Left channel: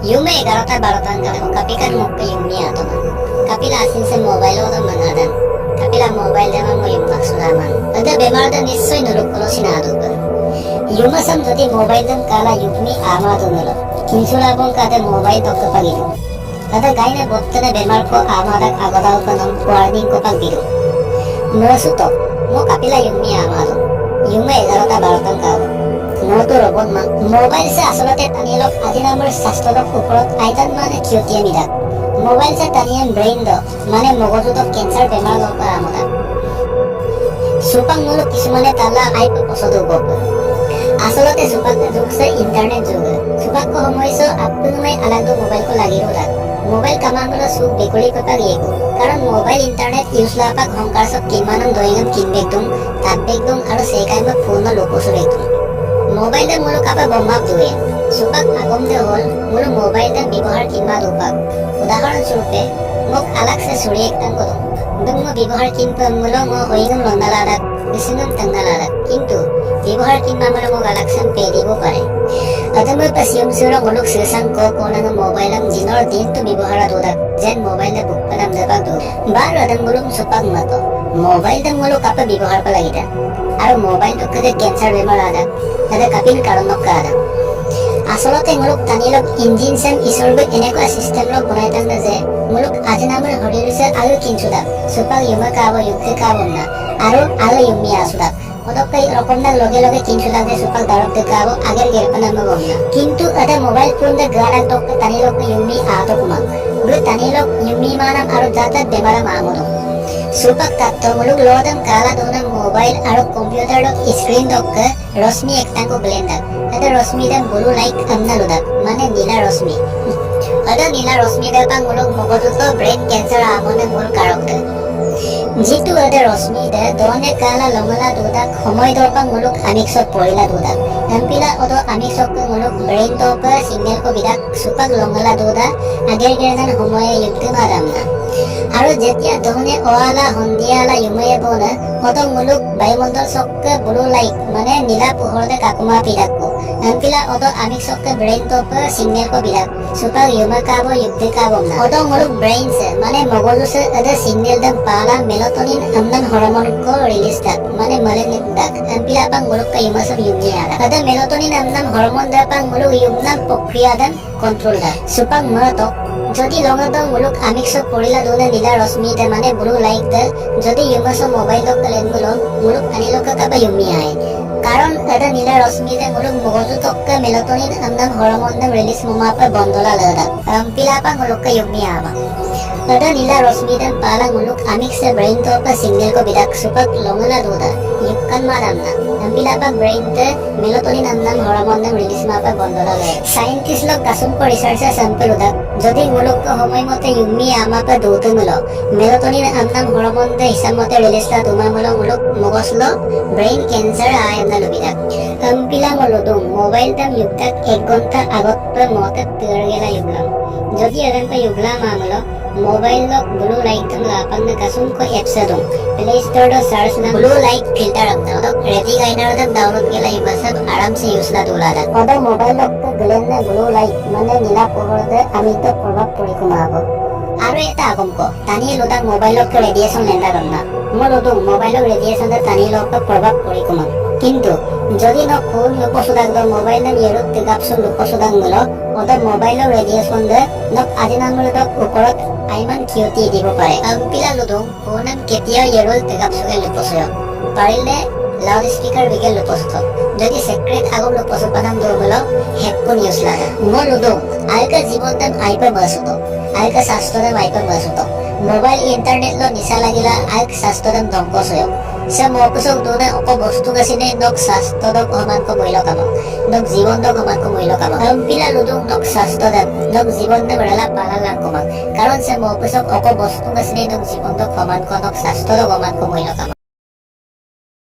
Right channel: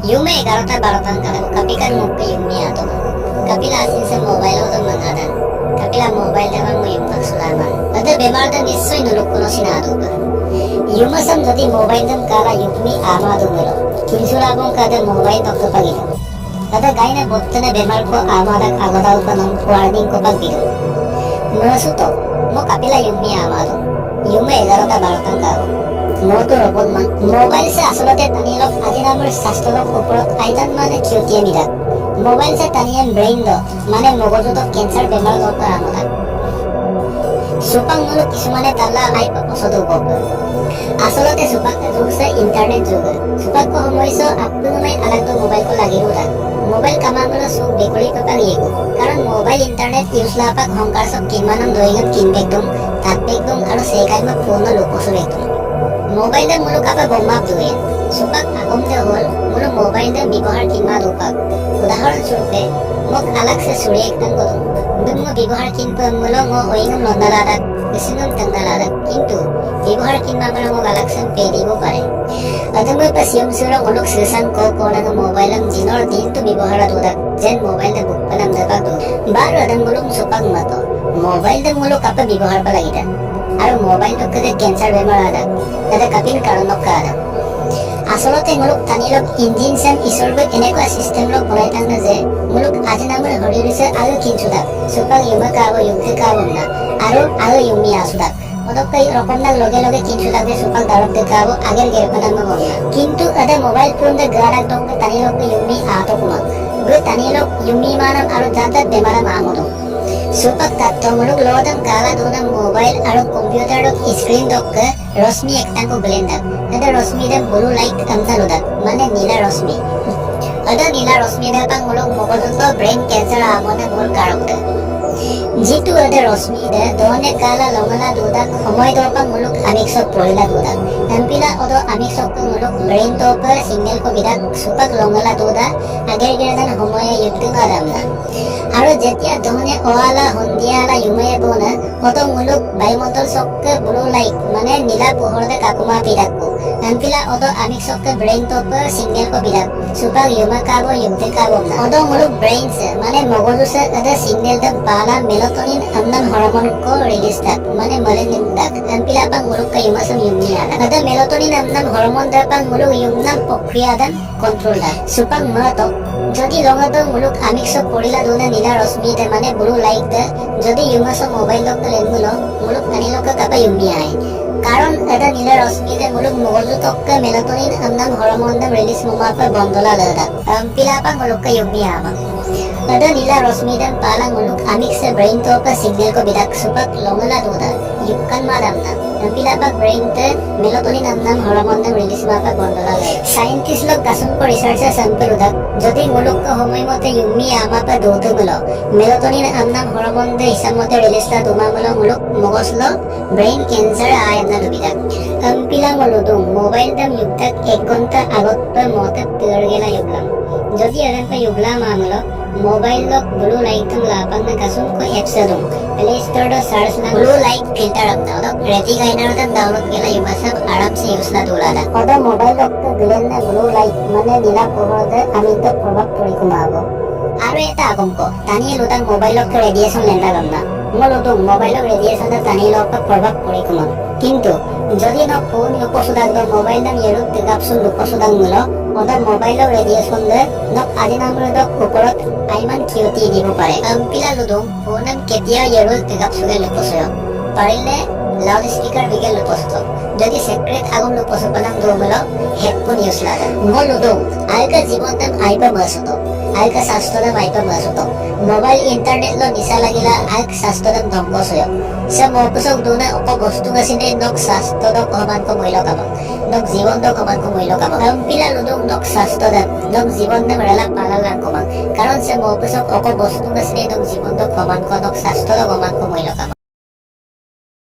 Yume 11-12 angka kapikan mo ka yumi ato man. Kapila asin sa mobile o itong mangadan. Kapila mobile naman mo yung magsulaman. Ada bemar dan nissoy nulukulo sinado ba. Yuma sam jati mobile dam kala yukmi amado nilo. Kinsulabong kada mobile tok kapagilo. Ada gaina botte na bemar ko amadak agodaw pa ng warning ko pagbido. Masuto mo kapila yumi amado. Yume 11-12 angka মোটো ৰবত মান mobile সে আসলতে তানিলক আজি নামৰ স্বাস্থ্যৰ ওপৰত আইতান মানে কিয়তিয়া মিদা mobile সে তানিয়ান brain দ মানে মগজুত কেন্সাৰ বেমাৰ লপা আমদা সুপাং মুলক কিছুমানে তালা আইপ পছদ গপ আসলতে সুপাক যুগ সে ইন্টারনেট যুগ সুপাক কো সময়ছ আপুনমে আলাগ দো মোবাইল কো লাগিৰো দা মোবাইল কামামলো সু বেকলি পেপা লিয়েকো কাৰণ মোবাইল ইন্টাৰনেট ইউজ লাপাক হংকাৰ সব কিমানম দয়ঙত কিনবেকদম তাতবেকদম আৰু সেকাইমে ফোন লোকসু বেকদম মোবাইল দে মুলক আপা বম্বাপ দুয়ে সুপাক আগম দে হল মুলো মোবাইল দে ব্যৱহাৰ কিনবা দুপাক উদাহৰণ স্বৰূপে মোক আলাক সে সুৰি একটাং কদম দুম ব্যৱহাৰ কিনবা মুলো ম ওইngam লন্দালাদা বিসিনম তংদালাদা কিন্তু ব্যৱহাৰ কিনবা মুলো মোক আলাক সে পে দিব পাৰে আদমে পাসিয়ম সুৰা মুলক সেসাং ক কোনাং মোবাইলং জিনৰ দিনটো ব্যৱহাৰ দুদা যেন মোবাইল দে বুক পানাম দে পাক দু বাৰ আদম মুলক সুপাক মত মোবাইল দে মুলক আপা ব্যৱহাৰ পা লাগিদা আৰু মোবাইল টক যে কেন্সাৰ বেমাৰ আদা ada kapil karonok kada আসলতে মুলক তানিলক ইঞ্জিন সেম ইসরবে এনেকুৱা সিস্টেম লক বনাই তাংনা যে মুলক আজি নামৰ হৰিৰিছে আৰু কিনছুদা সুপাক ইউমা কাব ইউকে কাবম না আৰু ইউমি আসুদা পদকাই রকম না লগে লগে কিনছুদা যে সুপাক দারক দে কাব আগের গেরপানাম বম না কিন্তু আদা মোবাইল ফোন দে গাড়াক টক তানিলক ইউমি আতো কুমা গু তানিলক ইউমি মানাম আৰু জাতা বেমাৰাম আমদম সুপাক তাত্তো মুলক লোদম কালা দুনা মোবাইল আৰু কম্পিউটাৰ দক স্ক্রিন দক রশ্মি একটাঙ্কো ব্লেন্ডার ada রশ্মি দম ব্লু লাইট আমনা লোদাক মানে নীলা রশ্মি ada নীলা রশ্মি দে পাং মুলক মগজুত ব্রেন ক্যান্সার আমনে মূল কারক দে জিতু ada রশ্মি দে দনে কালা লংলা দুদাক সময় দপাং মুলক আমিক্সক পরিলা দুদাক এমপিলা অদ আমিক্সক মুলক ব্রেন দপ সিগন্যাল কো বিদাক সুপাক লংলা দুদা আগের গেরদান সময়ে যুক্ত মারামনা আৰু যেতিয়া দহনে ওয়ালা হন্দিয়ালা ইউময়ে বনা অত মুলুক বায়ুমণ্ডল চক্কে ব্লু লাইট মানে নীলা পোহৰতে কাকুমা পিটাকো এমপিলা অত আমিক চক্কে ব্রেইন টপ সিগন্যাল কো বিদাক সুপাক ইউমা কাব যুক্ত কাবম না অত মুলুক ব্রেইনস মানে মগজুসে আদা সিগন্যাল দম পালা মেলাটোনিন আমনাম হরমোন কো রিলিজ দাক মানে মেলানিন দাক এমপিলা পাং মুলুক কা ইউমাসম ইউমিয়া আদা মেলাটোনিন আমনাম হরমোন দা পাং মুলুক ইউমনাম প্রক্রিয়া দান কন্ট্রোল দাক সুপাক মতো যদি লঙত মুলুক আমিক্স পড়িলা দুনে নীলা রশ্মি দে মানে ব্লু লাইট দে যদি ইউমাস মোবাইল দক লেন মুলুক আনিলক কাবা ইউমি আয় কারণ এটা নীলা রশ্মি দে মুলুক মগজু তক মেলাটোনিন আমনাম হরমোন দম রিলিজ মোমাপা বন্দলা লদা পিলাপা মুলুক ইউমি আমা ada নীলা রশ্মি দম পালা মুলুক আমিক্স ব্রেইন তক সিগন্যাল কো বিদাক সুপাক লংলা দুদা ইউকান মারামনা পিলাপা ব্রেইন তে মেলাটোনিন আমনাম হরমোন দম রিলিজ মাপা বন্দলা লয় সায়েন্টিস্ট লক কাসুম কো রিসার্চ স্যাম্পল উদাক যদি মুলুক সময় মতে ইউমি আমাপা দৌত মুল মেলাটোনিন আমনাম হরমোন দে হিসাব মতে রিলিজ লা দুমা মুলুক মগজল ব্রেইন ক্যান্সার আয় আমনা লুবিদাক পিলা মুলুদুম মোবাইল দম ইউদাক 1 ঘন্টা আগত মতে তের গেলা ইউবলাম যদি এরন পে ইউবলা মামলো मोबाइल लोग ब्लू लाइट तम लापंग न कसुम को एप्स दम प्ले स्टोर दो सर्च ना ब्लू लाइट फिल्टर अपना तो रेडी गाइनर तम डाउनलोड केला युवा सब आराम से यूज ला दोला दा ओदा मोबाइल लोग तो ग्लेन ने ब्लू लाइट माने नीला पोहर दे আমি তো প্রভাব পড়ি কুমাবো আৰু এটা আগম কো তানি লোটা মোবাইল লোক রেডিয়েশন লেন্দা গন্না মলতো মোবাইল রেডিয়েশন দে তানি লোক প্রভাব পড়ি কুমা কিন্তু যদি ন ফোন লোপসুদাক দ মোবাইল নাম ইয়েরক তেগাপসুন লোপসুদাক মুল ওদা মোবাইল রেডিয়েশন দে নক আজি নামৰ দক ওপৰত আইমান কিয়তি দিব পাৰে পিলা লুদুং ফোনম কেতিয়া ইয়েৰল তেগাপসুগে লোপসয় পাৰিলে লাউড স্পিকাৰ বিগেল লোপসত যদি সেক্রেট আগম লোপসপনাম দমল হেডফোন ইউজ লাগে মলুদুং আইকা জীবনতম আইপা বসত আইকা শাস্ত্রদম আইপা বসত মোবাইল ইন্টারনেট লো নিশা লাগিলা আইক শাস্ত্রদম ধ্বংসয় সে মপসক দুনে অপ বস্তু গাছিনে নক শাস্ত্রদক সমান কো মূল্য কাম নক জীবন দক সমান কো মূল্য কাম পিলা লুদুং নক শাস্ত্রদম নক জীবন দম ৰেলা পালালা কমান কাৰণ সে মপসক অক বস্তু গাছিনে নক জীবন দক সমান কো নক শাস্ত্রদক সমান কো মূল্য কাম